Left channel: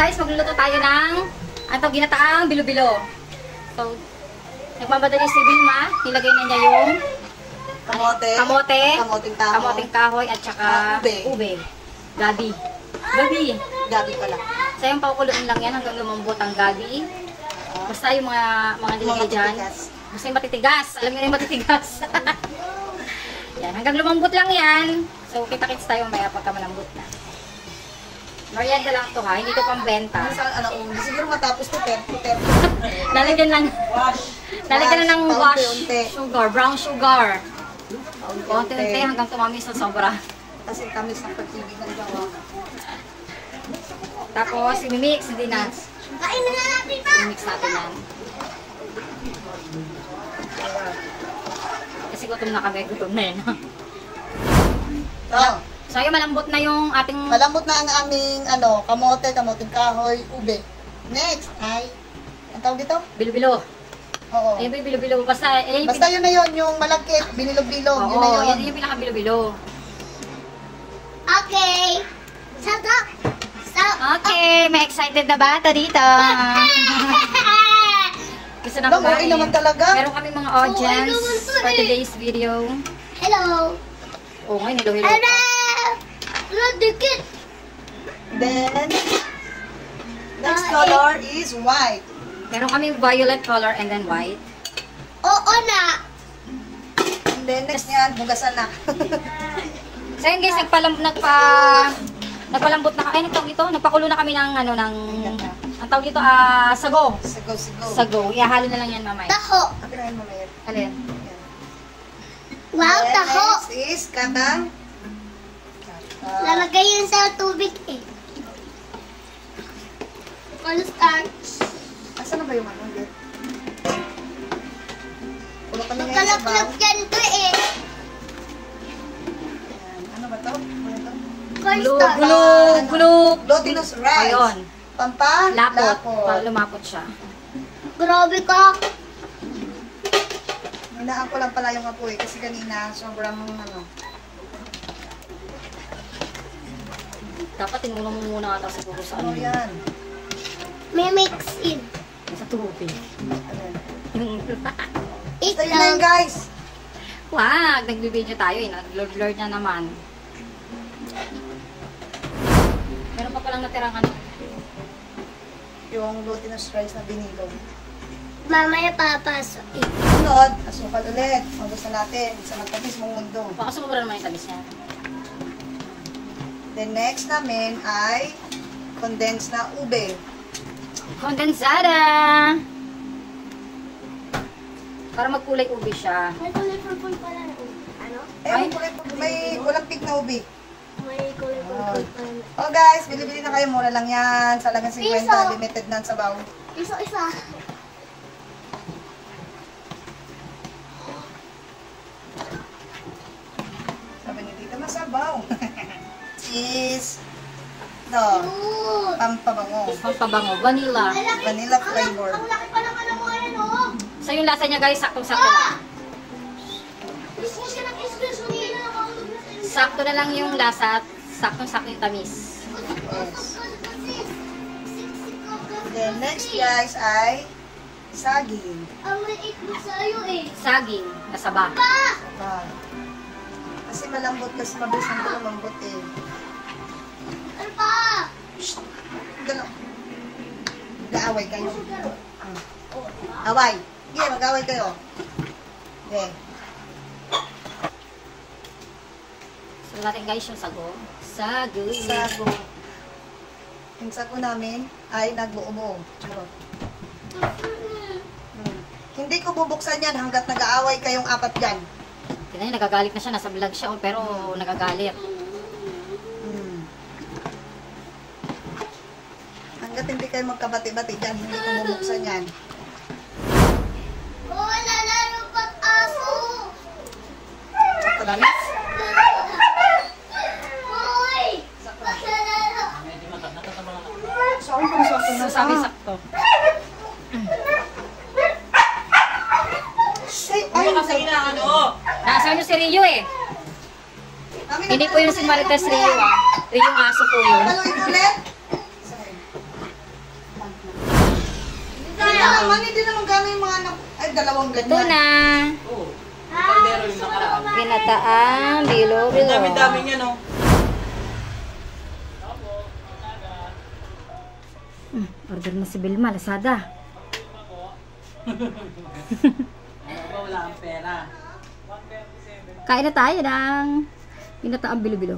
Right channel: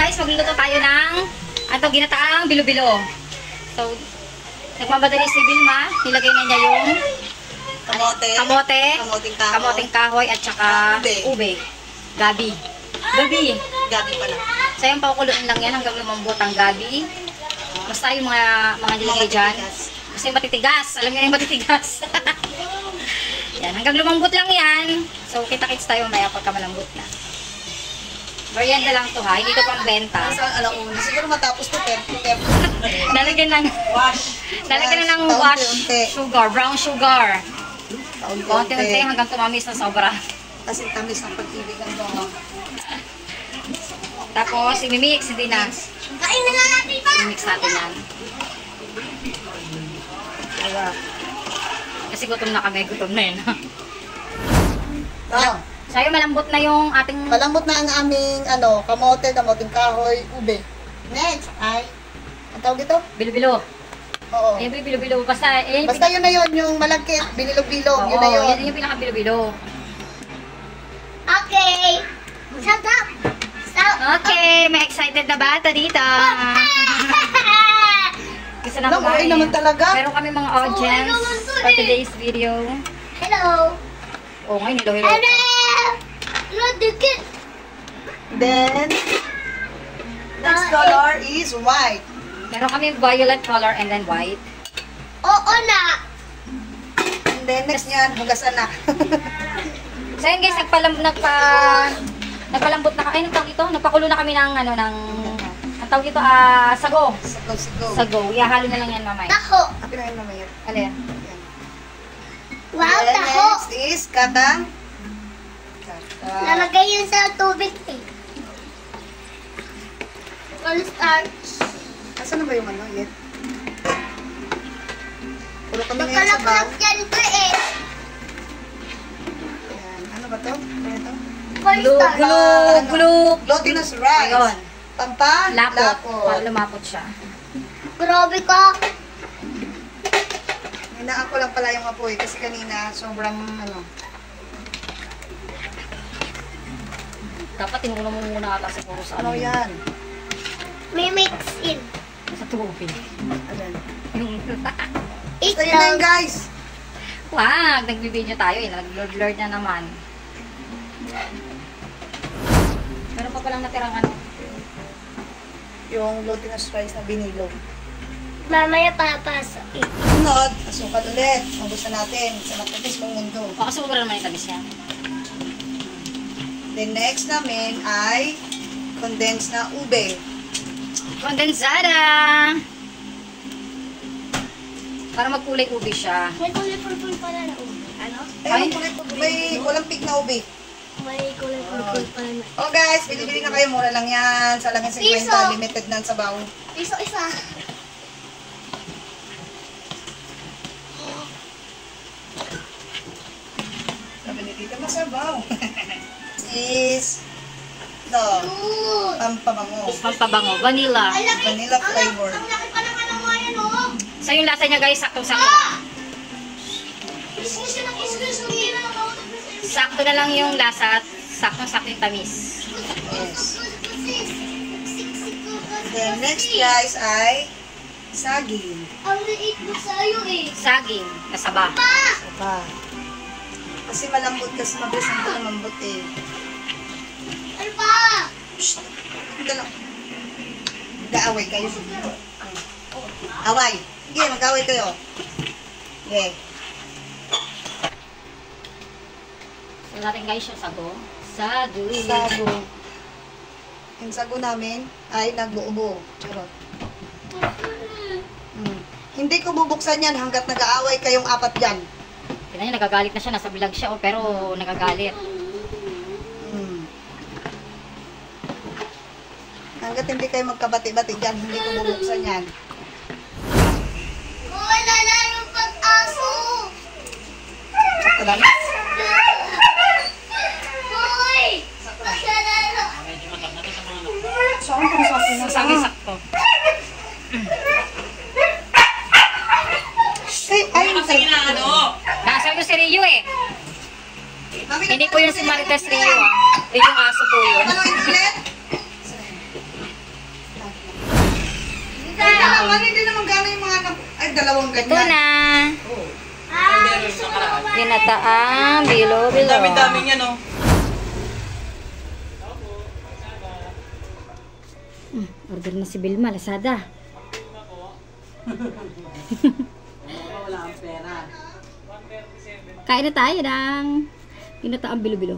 guys, magluluto tayo ng ginataang bilo-bilo. So, nagmamadali si Vilma. Nilagay na niya yung kamoting kahoy at saka ube. Gabi pala. So, yung pakukuloan lang yan hanggang lumambot ang gabi. Basta yung mga nilagay dyan. Basta yung matitigas. Alam niyo yung matitigas. Yan, hanggang lumambot lang yan. So, kita-kits tayo maya pagka malambot na. Merienda lang to ha, hindi to pang benta. Siguro matapos to, tempo. Lalagyan lang ng wash sugar, brown sugar. Konti-unti hanggang tumamis na sobra. Kasi tamis ng pagtibig ng gawa. Tapos, imimix, hindi na. I-mix natin yan. Kasi gutom na kami, gutom na yun. So, malambot na yung ating... Malambot na ang aming, kamoting kahoy, ube. Next, ang tawag ito? Bilo-bilo. Oo. Ayun yung bilo-bilo. Basta yun na yun, yung malagkit, binilog-bilog, yun na yun. Yan yung pinaka-bilo-bilo. Okay. Shut up. Okay, may excited na bata dito. Gusto na kumain. Naman talaga. Meron kami mga audience for today's video. Hello. Oo, ngayon, hello. Then, next color is white. Meron kami violet color and then white. Oo na. And then, next niya, hugasan na. So yun guys, nagpalambot na kami. Nagtawag ito, nagpakulo na kami ng, ang tawag ito, sago. Sago. Ihahalo na lang yan mamaya. Taho. Pinahin mamaya. Alin? Wow, taho. Next is kata. Lalagay yun sa tubig eh. Starch. Asan na ba yung ulit? Ulo kami ngayon sa Makalaklat baw. yan to eh. Ayan. Ano ba to? Ano to? Glutinous rice. Ayun. Lapot. Para lumapot siya. Grabe ka. Hinaan ko lang pala yung apoy kasi kanina sobrang Dapat tinulong mo muna ata siguro sa Ano yan? May mix in. Sa tubig. Ayan. Yung Basta yun lang guys. wag, nagbibideo tayo eh. Nag-blur na naman. Meron pa palang natirang Yung glutinous rice na binilog. Mamaya papasok eh. Sunod, asukal ulit. Magusta natin sa matamis mong mundo. Baka sumubra naman yung tamis yan. Then next namin ay condensed na ube. Kondensada! Para magkulay ube siya. May kulay purple pala na ube. Ano? May walang pig na ube. May kulay purple pala na. Oh guys, bili-bili na kayo. Mura lang yan. Sa lamin 50, Piso. limited na sa baw. Piso isa. Sabi ni Tita, masabaw. Is pampabango. Pampabango. Vanilla. Vanilla flavor. Ang laki pa naman ng mga yan oh. So yung lasa niya guys, saktong-sakto lang. Excuse na excuse me na ako. Sakto na lang yung lasa at saktong-sakto yung tamis. Yes. Then next guys ay saging. Ang liit mo sa'yo eh. Saging, kasaba. Ah. Kasi malambot kasi mabilis na lumambot eh. Ano pa? Shhh! Dala. Mag-aaway kayo. Away. Sige, mag-aaway kayo. Okay. So natin guys yung sago. Sago. Sago. Yung sago namin ay nag-uubo. Charot. Hindi ko bubuksan yan hanggat nag-aaway kayong apat dyan. Tignan niya, nagagalit na siya. Nasa vlog siya, pero nagagalit. Hanggat hindi kayo magkabati-bati dyan, hindi ko bubuksan yan. Wala na yung pag-aso. Sakto lang. Hoy! So sakto. Nasa nyo si Rio eh. Hindi po yung si Marites Rio ah. Rio yung aso po yun. Ano ulit? naman, hindi naman gano'n yung mga anak. Ay, dalawang Ito ganyan. na. Oo. Kaldero yung nakaraan. Ginataang bilo-bilo. Ang dami-dami niya, no? Order na si Vilma, Lazada. Wala kang pera. Kain na tayo ng ginataang bilo-bilo.